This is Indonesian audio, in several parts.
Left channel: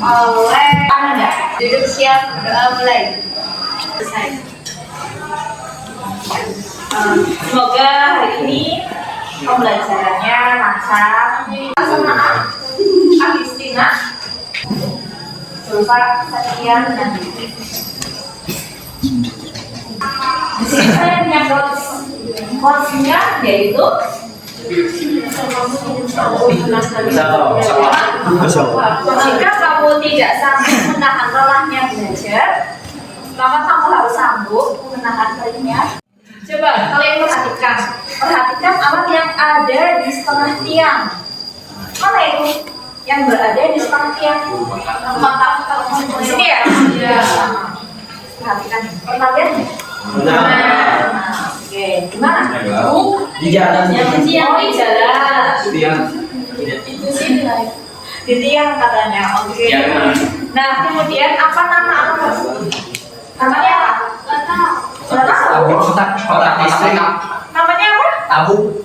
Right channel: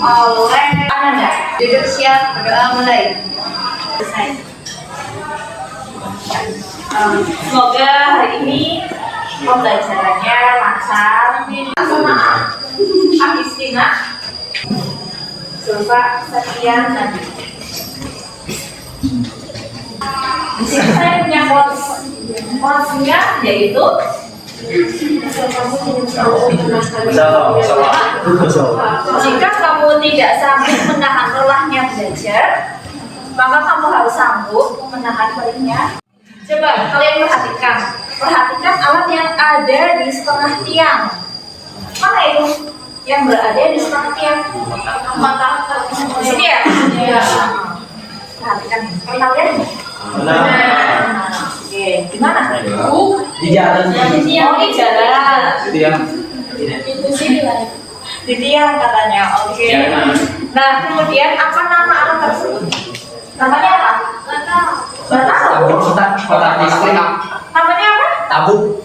oleh Ananda. Duduk siap, berdoa mulai. Semoga hari ini pembelajarannya lancar. Semangat, Agustina, Silva, Setia, dan di sini saya punya quotes-nya, yaitu jika kamu tidak sanggup menahan lelahnya belajar, maka kamu harus sanggup menahan perihnya. Coba kalian perhatikan alat yang ada di setengah tiang. Mana itu yang berada di setengah tiang? Di sini ya? Iya. Perhatikan, pernah lihat? Oke, gimana? Di jalan. Oh, di jalan. Di tiang katanya. Oke. Nah, kemudian apa nama alat tersebut? Namanya apa? Kotak listrik. Namanya apa? Tabung.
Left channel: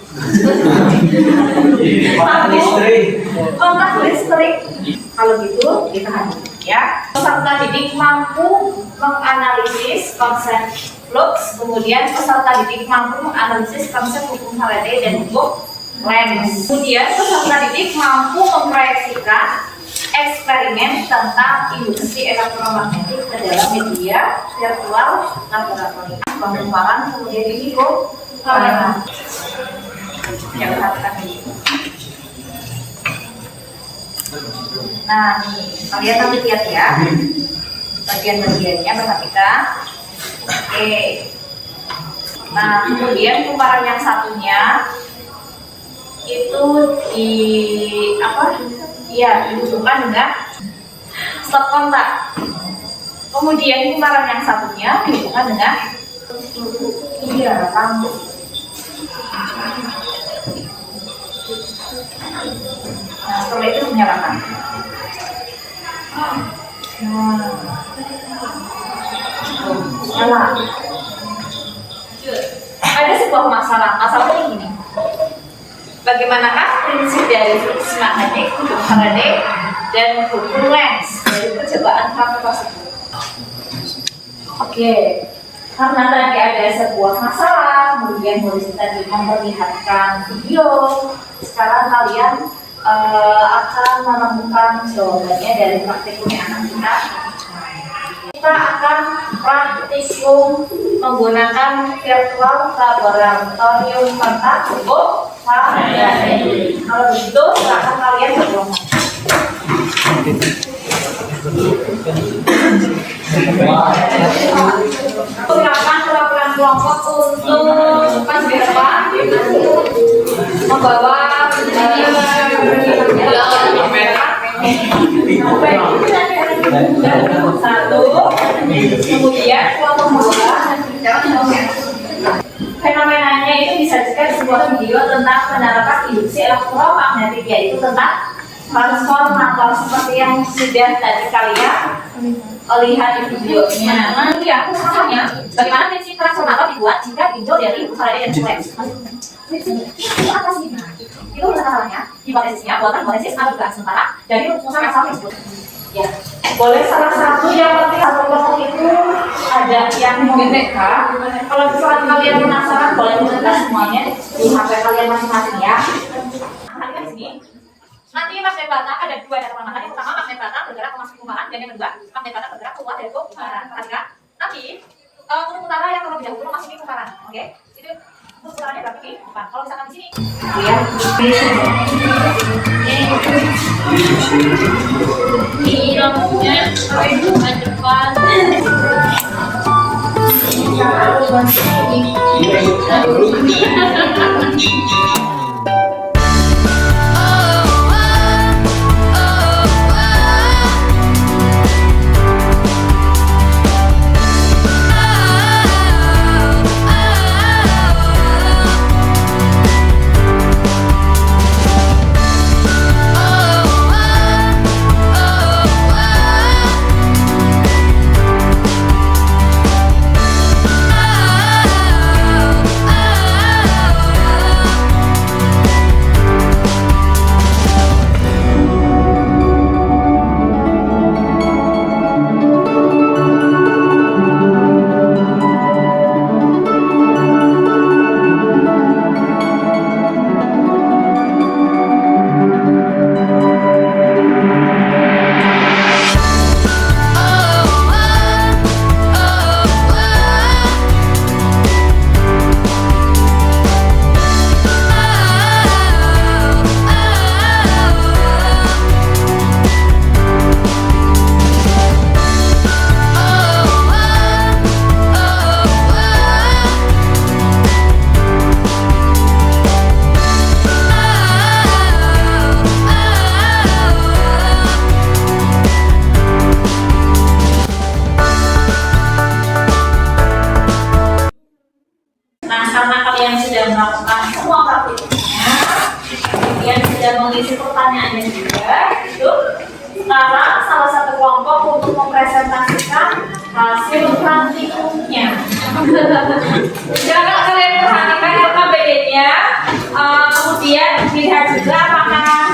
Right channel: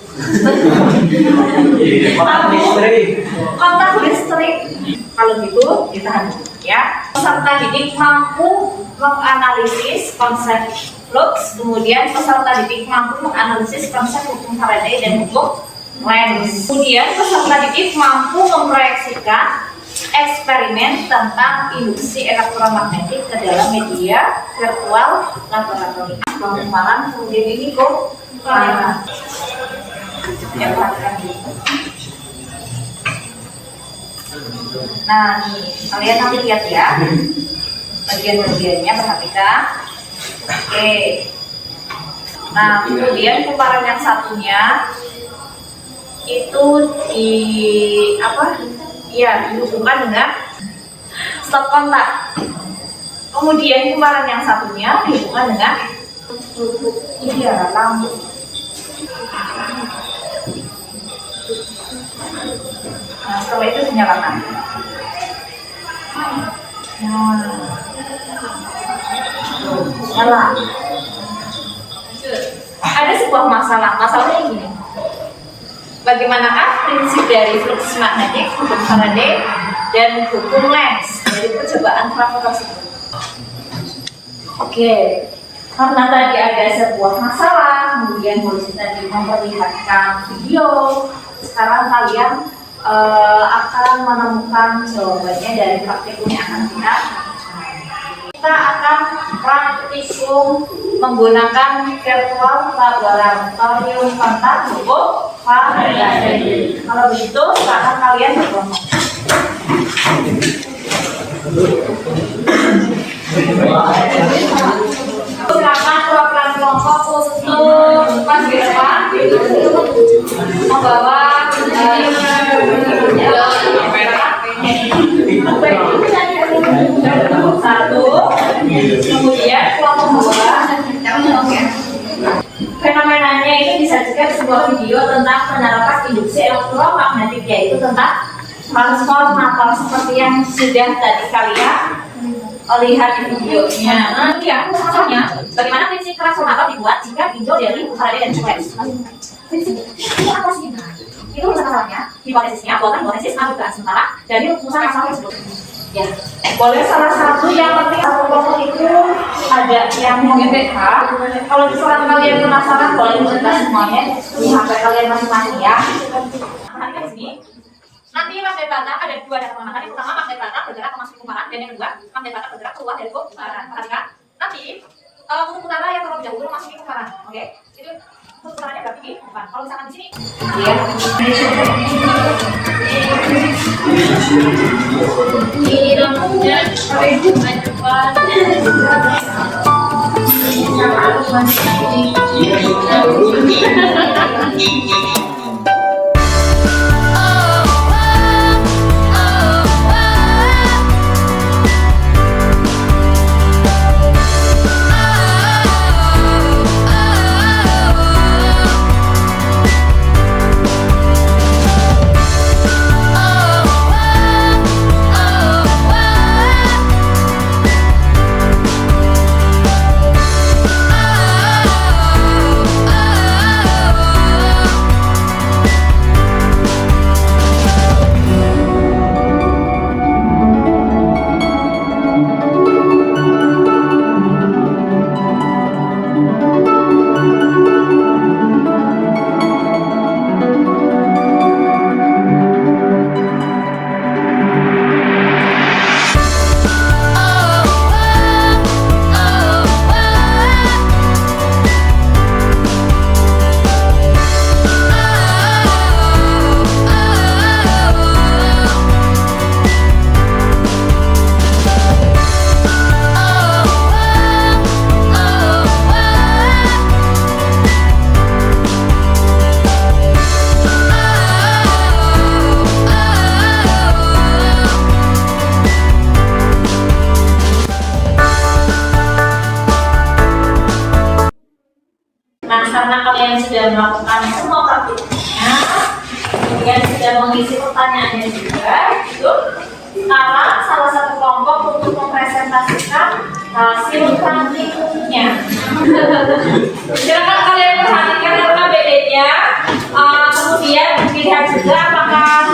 Kotak listrik. Kontak listrik. Kalau gitu kita ya. Peserta didik mampu menganalisis konsep flux, kemudian peserta didik mampu menganalisis konsep hukum Faraday dan hukum Lens. Kemudian peserta didik mampu memproyeksikan eksperimen tentang induksi elektromagnetik ke dalam media virtual laboratorium. Pengembangan kemudian ini kok ya, perhatikan dulu. Nah nih, kalian nanti lihat ya bagian-bagiannya, perhatikan. Oke. Nah kemudian kumparan yang satunya itu di apa? Iya, dihubungkan dengan stop kontak. Kemudian kumparan yang satunya dihubungkan dengan lampu. Nah, setelah itu dinyalakan. Nyala. Ada sebuah masalahnya gini. Bagaimanakah prinsip dari flux magnetik, hukum Faraday, dan hukum Lens dari percobaan Faraday tersebut? Oke, karena tadi ada sebuah masalah, kemudian polisi tadi memperlihatkan video. Sekarang kalian akan menemukan jawabannya dari praktikum yang akan kita akan praktikum menggunakan virtual laboratorium kontak hukum Faraday. Kalau begitu, silakan kalian berkelompok. Silakan perwakilan kelompok untuk maju di depan, membawa satu, kemudian kelompok dua. Fenomenanya itu disajikan sebuah video tentang penerapan induksi elektromagnetik, yaitu tentang transformator seperti yang sudah tadi kalian lihat di videonya. Nah, yang masalahnya, bagaimana prinsip transformator dibuat jika ditinjau dari Faraday dan Lens? Prinsipnya itu apa sih? Itu masalahnya, hipotesisnya buatan hipotesis anugerah sementara dari rumusan masalah tersebut. Ya, boleh salah satu yang penting satu kelompok itu ada yang memBK. Kalau misalkan kalian penasaran, boleh mencetak semuanya di HP kalian masing-masing ya. Nah, di sini nanti magnet bata ada dua data magnet. Yang pertama magnet bata bergerak memasuki kumparan, dan yang kedua magnet bata bergerak keluar dari kumparan. Perhatikan. Nanti kutub utara yang terlebih dahulu memasuki kumparan. Oke, jadi kutub utaranya berarti di depan. Kalau misalkan di sini, ya. Irongnya ke depan. pertanyaannya juga itu sekarang salah satu kelompok untuk mempresentasikan hasil praktikumnya. Silakan kalian perhatikan LKBD-nya, kemudian dilihat juga apakah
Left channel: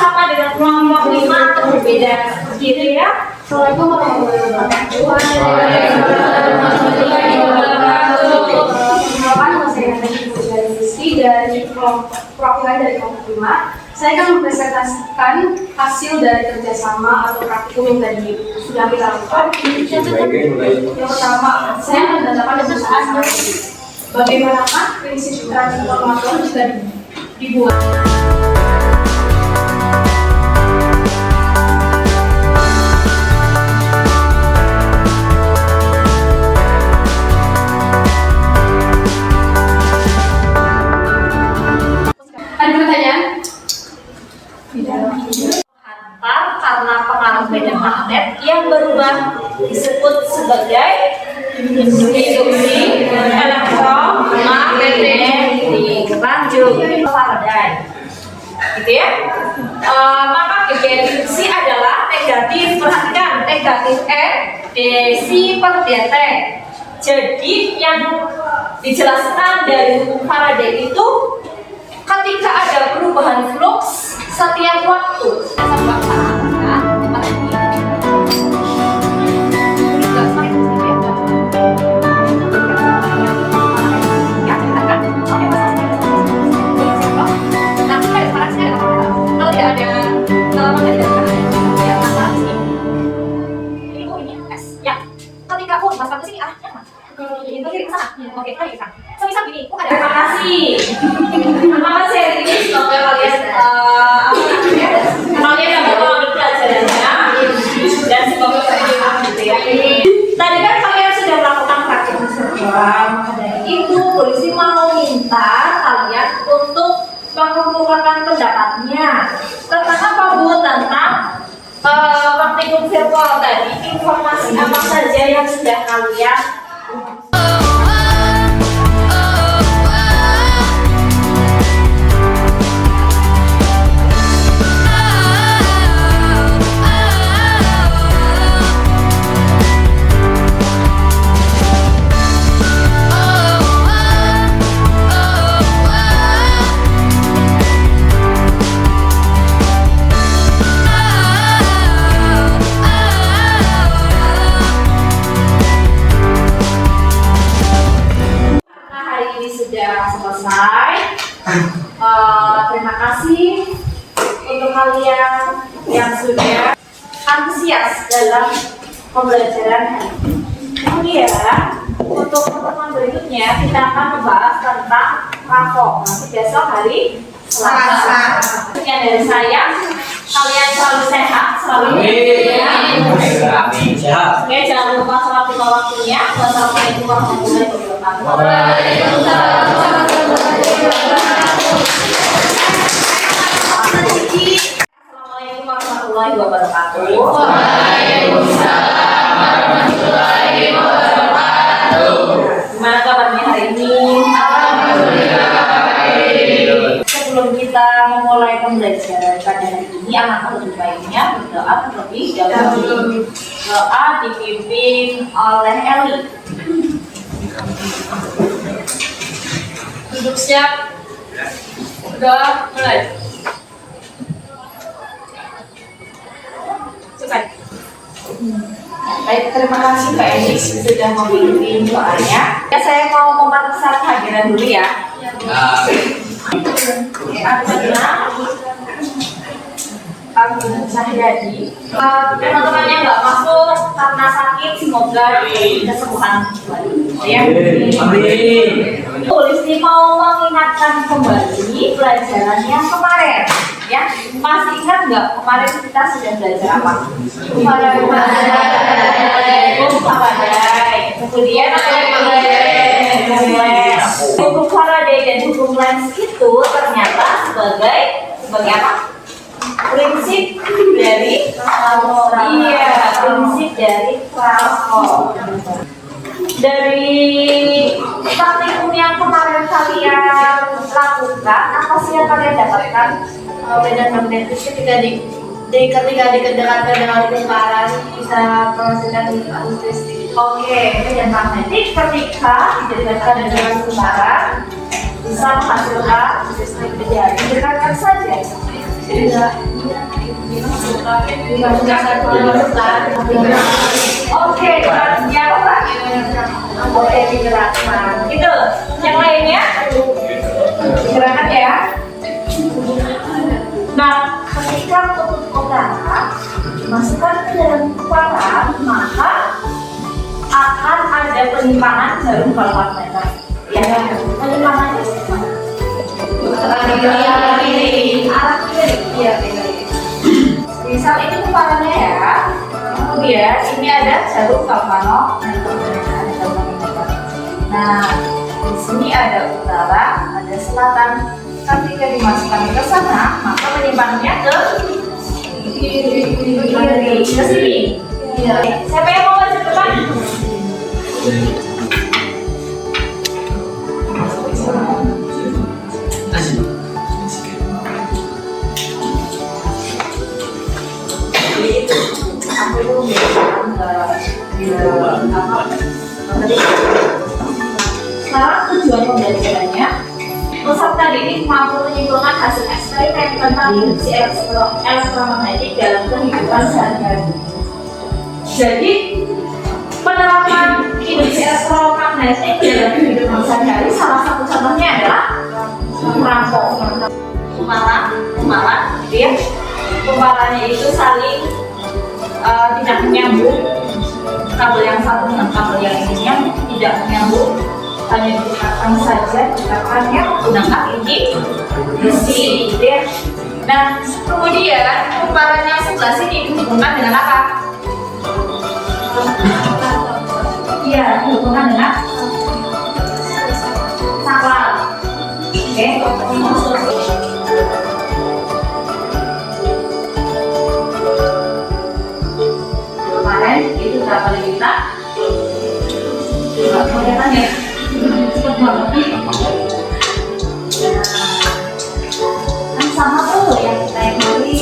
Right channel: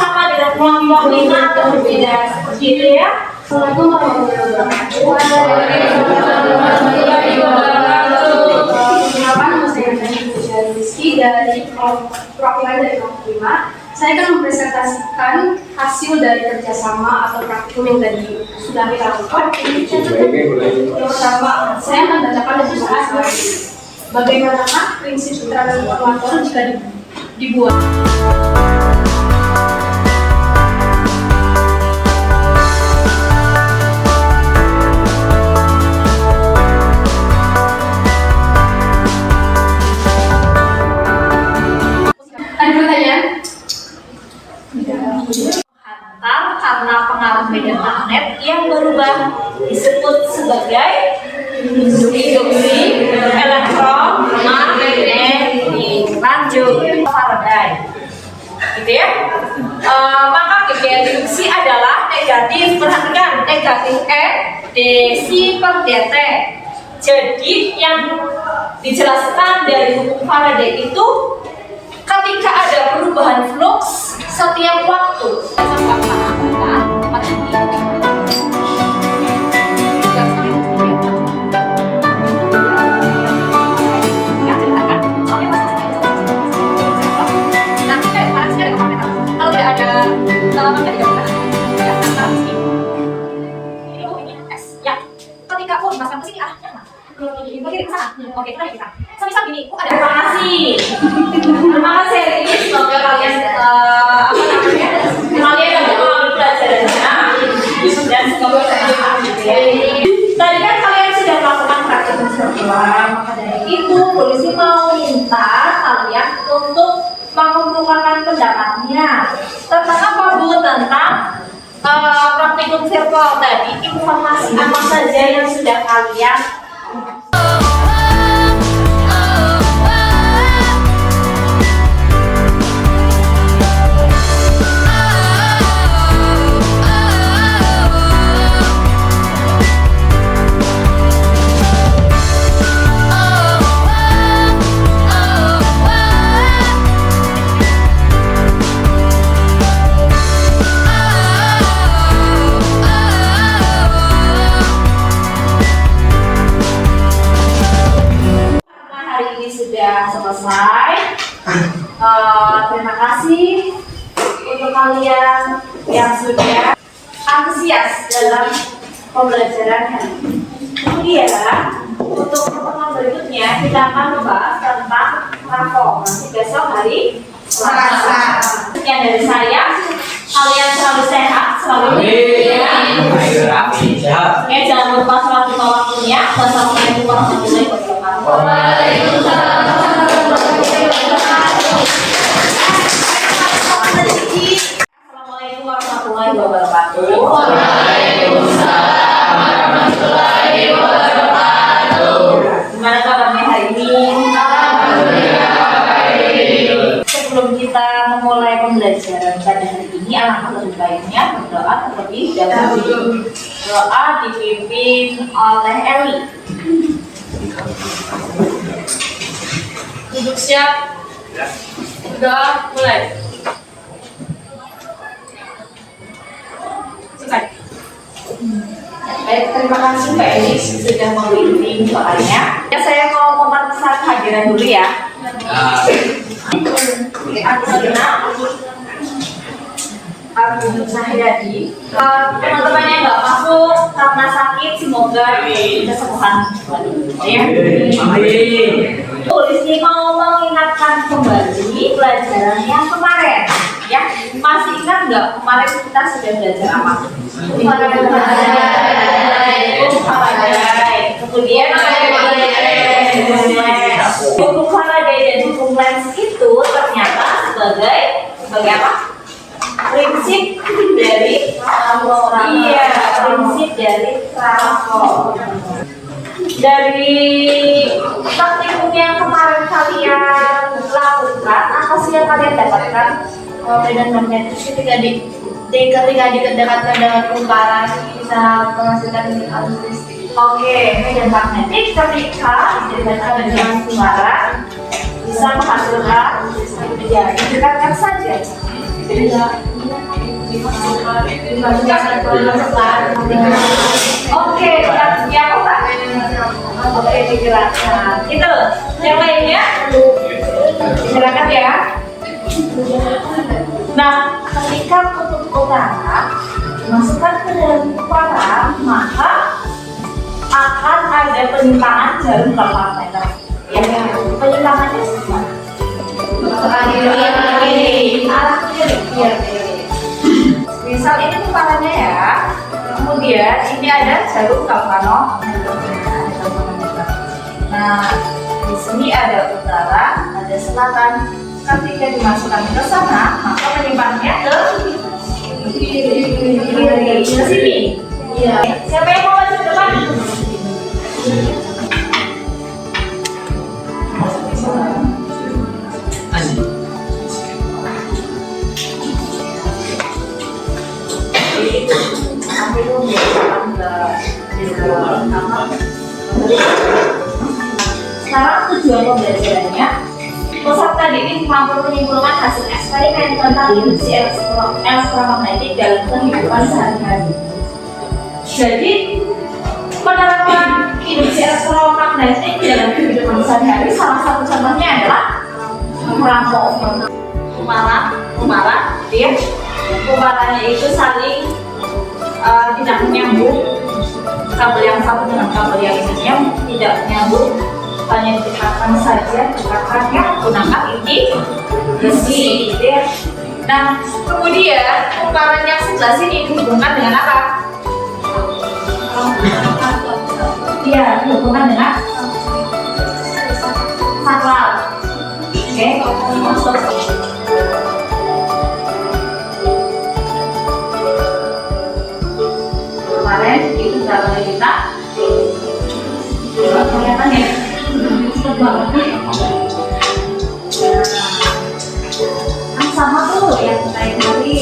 sama dengan kelompok 5 atau berbeda seperti itu ya. Assalamualaikum warahmatullahi wabarakatuh. Nama saya Ibu Rizky dari perwakilan dari kelompok 5. Saya akan mempresentasikan hasil dari kerjasama atau praktikum yang tadi sudah kita lakukan. Yang pertama, saya mendatangkan dari perusahaan bagaimana prinsip transformator jika dibuat. Hantar karena pengaruh medan magnet yang berubah disebut sebagai induksi elektromagnetik. Lanjut Faraday, gitu ya. Maka GBR induksi adalah negatif. Perhatikan, negatif N desi per dt. Jadi yang dijelaskan dari hukum Faraday itu ketika ada perubahan flux setiap waktu. Terima kasih. Terima kasih hari ini, semoga kalian kalian yang mengalami pelajarannya dan semoga bermanfaat gitu ya. Tadi kan kalian sudah melakukan praktik serba, maka dari itu polisi mau minta kalian untuk mengumpulkan pendapatnya tentang apa Bu? Tentang praktikum virtual tadi, informasi apa saja yang sudah kalian selesai. Terima kasih untuk kalian yang sudah antusias dalam pembelajaran hari ini. Kemudian untuk pertemuan berikutnya kita akan membahas tentang rapor nanti besok hari Selasa. Sekian dari saya. Kalian selalu sehat, selalu Sehat. ya, jangan lupa sholat lima waktunya. Wassalamualaikum warahmatullahi wabarakatuh. Assalamualaikum warahmatullahi wabarakatuh. Waalaikumsalam warahmatullahi wabarakatuh. Gimana kabarnya hari ini? Sebelum kita memulai pembelajaran pada hari ini, alangkah lebih baiknya berdoa terlebih dahulu. Doa dipimpin oleh Eli. Duduk siap. Udah mulai. Baik, terima kasih Pak Elis sudah memimpin doanya. Ya, saya mau memeriksa kehadiran dulu ya. Oke, Abu Sahyadi. Teman-teman yang nggak masuk karena sakit, semoga kesembuhan kembali. Ya. Polisi mau mengingatkan kembali pelajaran yang kemarin. Ya, masih ingat nggak kemarin kita sudah belajar apa? Faraday. Kemudian apa yang hukum Lens. Hukum Faraday dan hukum Lens itu ternyata sebagai apa? Prinsip dari prinsip dari transform. Dari praktikum yang kemarin kalian lakukan, apa sih yang kalian dapatkan? medan magnetis ketika didekatkan dengan kumparan bisa menghasilkan arus listrik. Oke, medan magnetik ketika didekatkan dengan kumparan bisa menghasilkan listrik. Ya, didekatkan saja. Tidak dimasukkan ke dalam Oke, artinya apa Pak? Oke, dijelaskan. Itu, yang lainnya silakan ya. Nah, ketika kutub utara dimasukkan ke dalam kumparan, maka akan ada penyimpangan jarum kalorimeter. Ya, penyimpangannya gimana? Arah kiri. Iya, misal ini kumparannya ya, kemudian ini ada jarum galvanometer. Nah, di sini ada utara, ada selatan. Ketika dimasukkan ke sana, maka penyimpanannya ke kiri, ke sini. Iya. Siapa yang mau maju depan? Aku itu sekarang tujuan pembelajarannya, peserta didik mampu menyimpulkan hasil eksperimen tentang induksi elektromagnetik dalam kehidupan sehari-hari. Jadi penerapan induksi elektromagnetik dalam kehidupan sehari-hari salah satu contohnya adalah kumparan, gitu ya. Kumparannya itu saling tidak menyambung, kabel yang satu dengan kabel yang lainnya tidak menyambung, hanya didekatkan saja, dekatkannya menggunakan inti besi, gitu ya. Nah, kemudian kumparan yang sebelah sini dihubungkan dengan apa? Iya, dihubungkan dengan saklar. Oke, masuk. Kemarin itu berapa juta? Kelihatan ya? Cepet banget nih. Kan sama tuh yang kita kali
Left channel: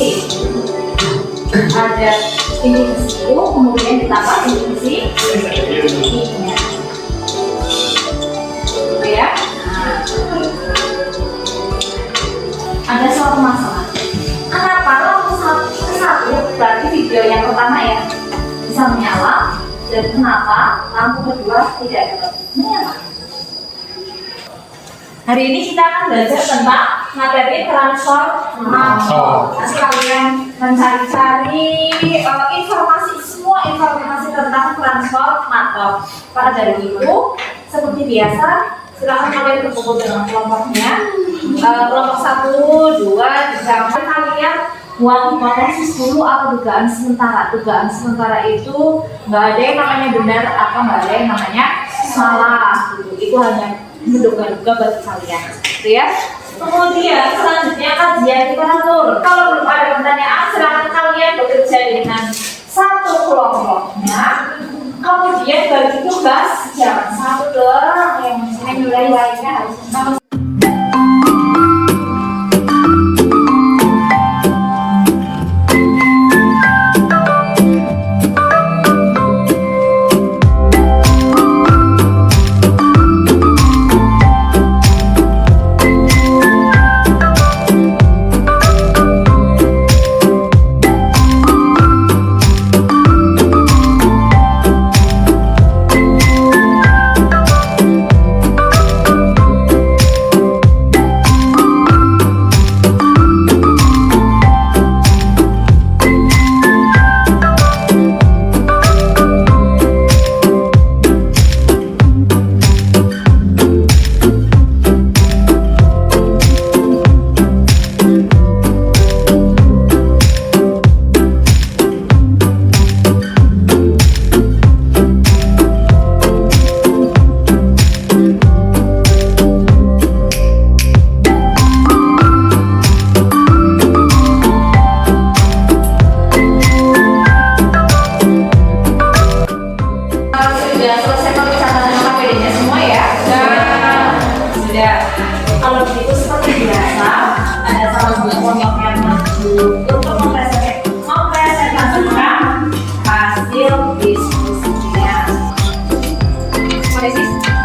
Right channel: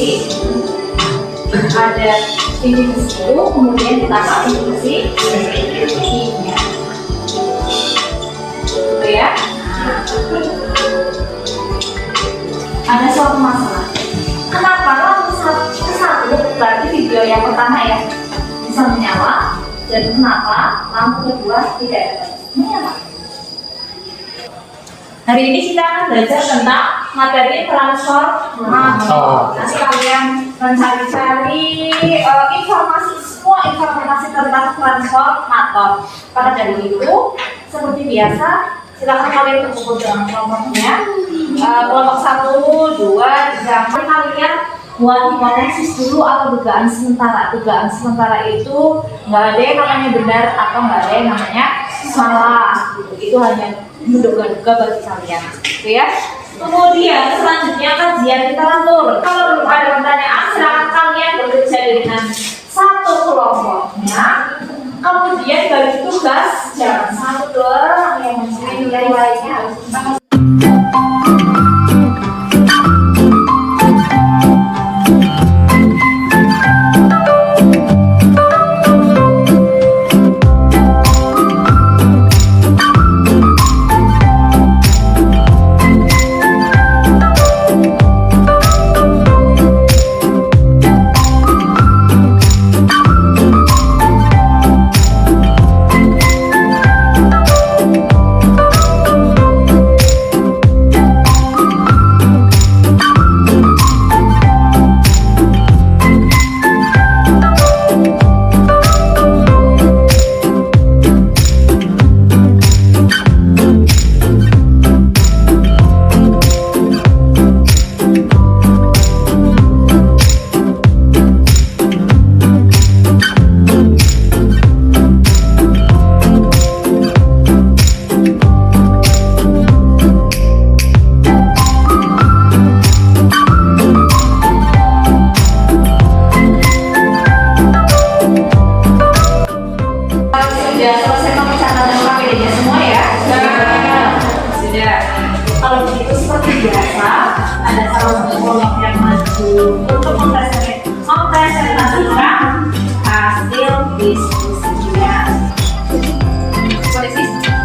ada tinggi besi, kemudian ditambah tinggi besi ininya, gitu ya. Nah, ada suatu masalah. Kenapa lampu satu berarti video yang pertama ya bisa menyala, dan kenapa lampu kedua tidak dapat menyala? Hari ini kita akan belajar tentang materi transformator. Nanti kalian mencari-cari semua informasi tentang transformator. Maka dari itu, seperti biasa, silakan kalian berkumpul dengan kelompoknya. Kelompok 1, 2, 3, kalian buat hipotesis dulu atau dugaan sementara. Dugaan sementara itu nggak ada yang namanya benar atau nggak ada yang namanya salah. Itu hanya menduga-duga bagi kalian, gitu ya. Kemudian selanjutnya kajian literatur. Kalau belum ada pertanyaan, silakan kalian bekerja dengan satu kelompoknya. Kemudian bagi tugas, jangan satu doang yang nilai lainnya harus sama.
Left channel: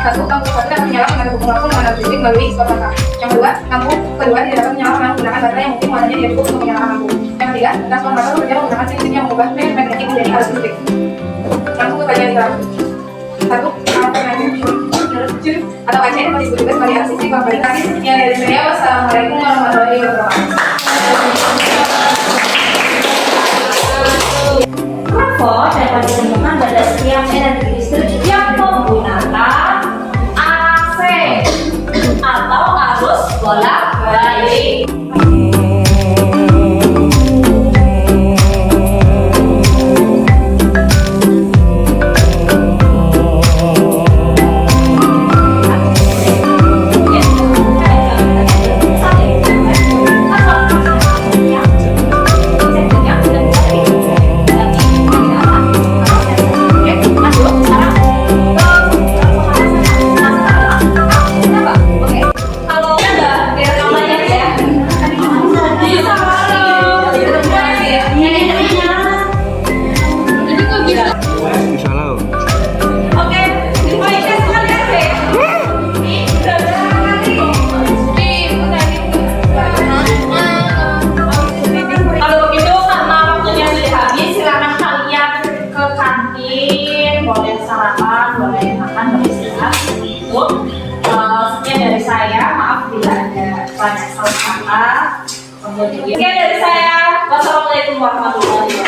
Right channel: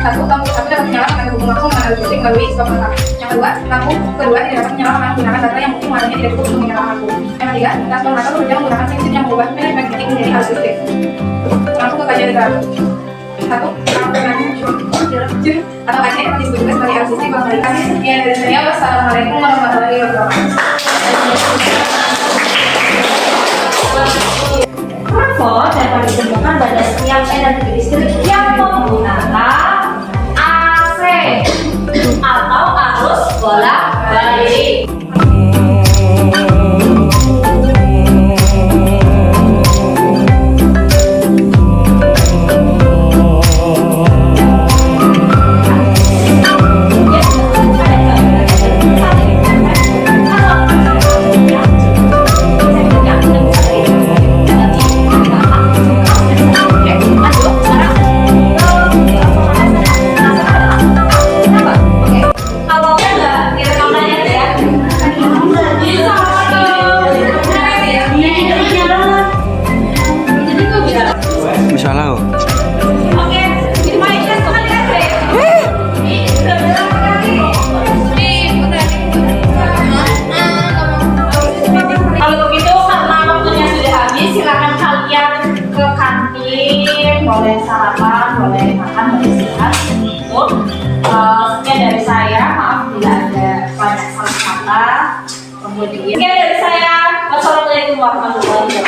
satu, lampu satu dapat menyala karena terhubung langsung dengan arus listrik melalui stop data. Yang kedua, lampu kedua tidak dapat menyala karena menggunakan baterai yang mungkin warnanya tidak cukup untuk menyalakan lampu. Yang ketiga, transformator bekerja menggunakan mesin yang mengubah medan magnetik menjadi arus listrik. Langsung ke kajian iklan. Satu, atau kajian dapat disebut juga sebagai arus listrik mengembalikan. Ya, dari saya, wassalamualaikum warahmatullahi wabarakatuh. Trafo dapat ditemukan pada setiap energi listrik yang menggunakan AC atau arus bolak-balik. Boleh sarapan, boleh makan, boleh istirahat. Itu sekian dari saya. Maaf bila ada banyak salah kata. Kemudian sekian dari saya. Wassalamualaikum warahmatullahi wabarakatuh.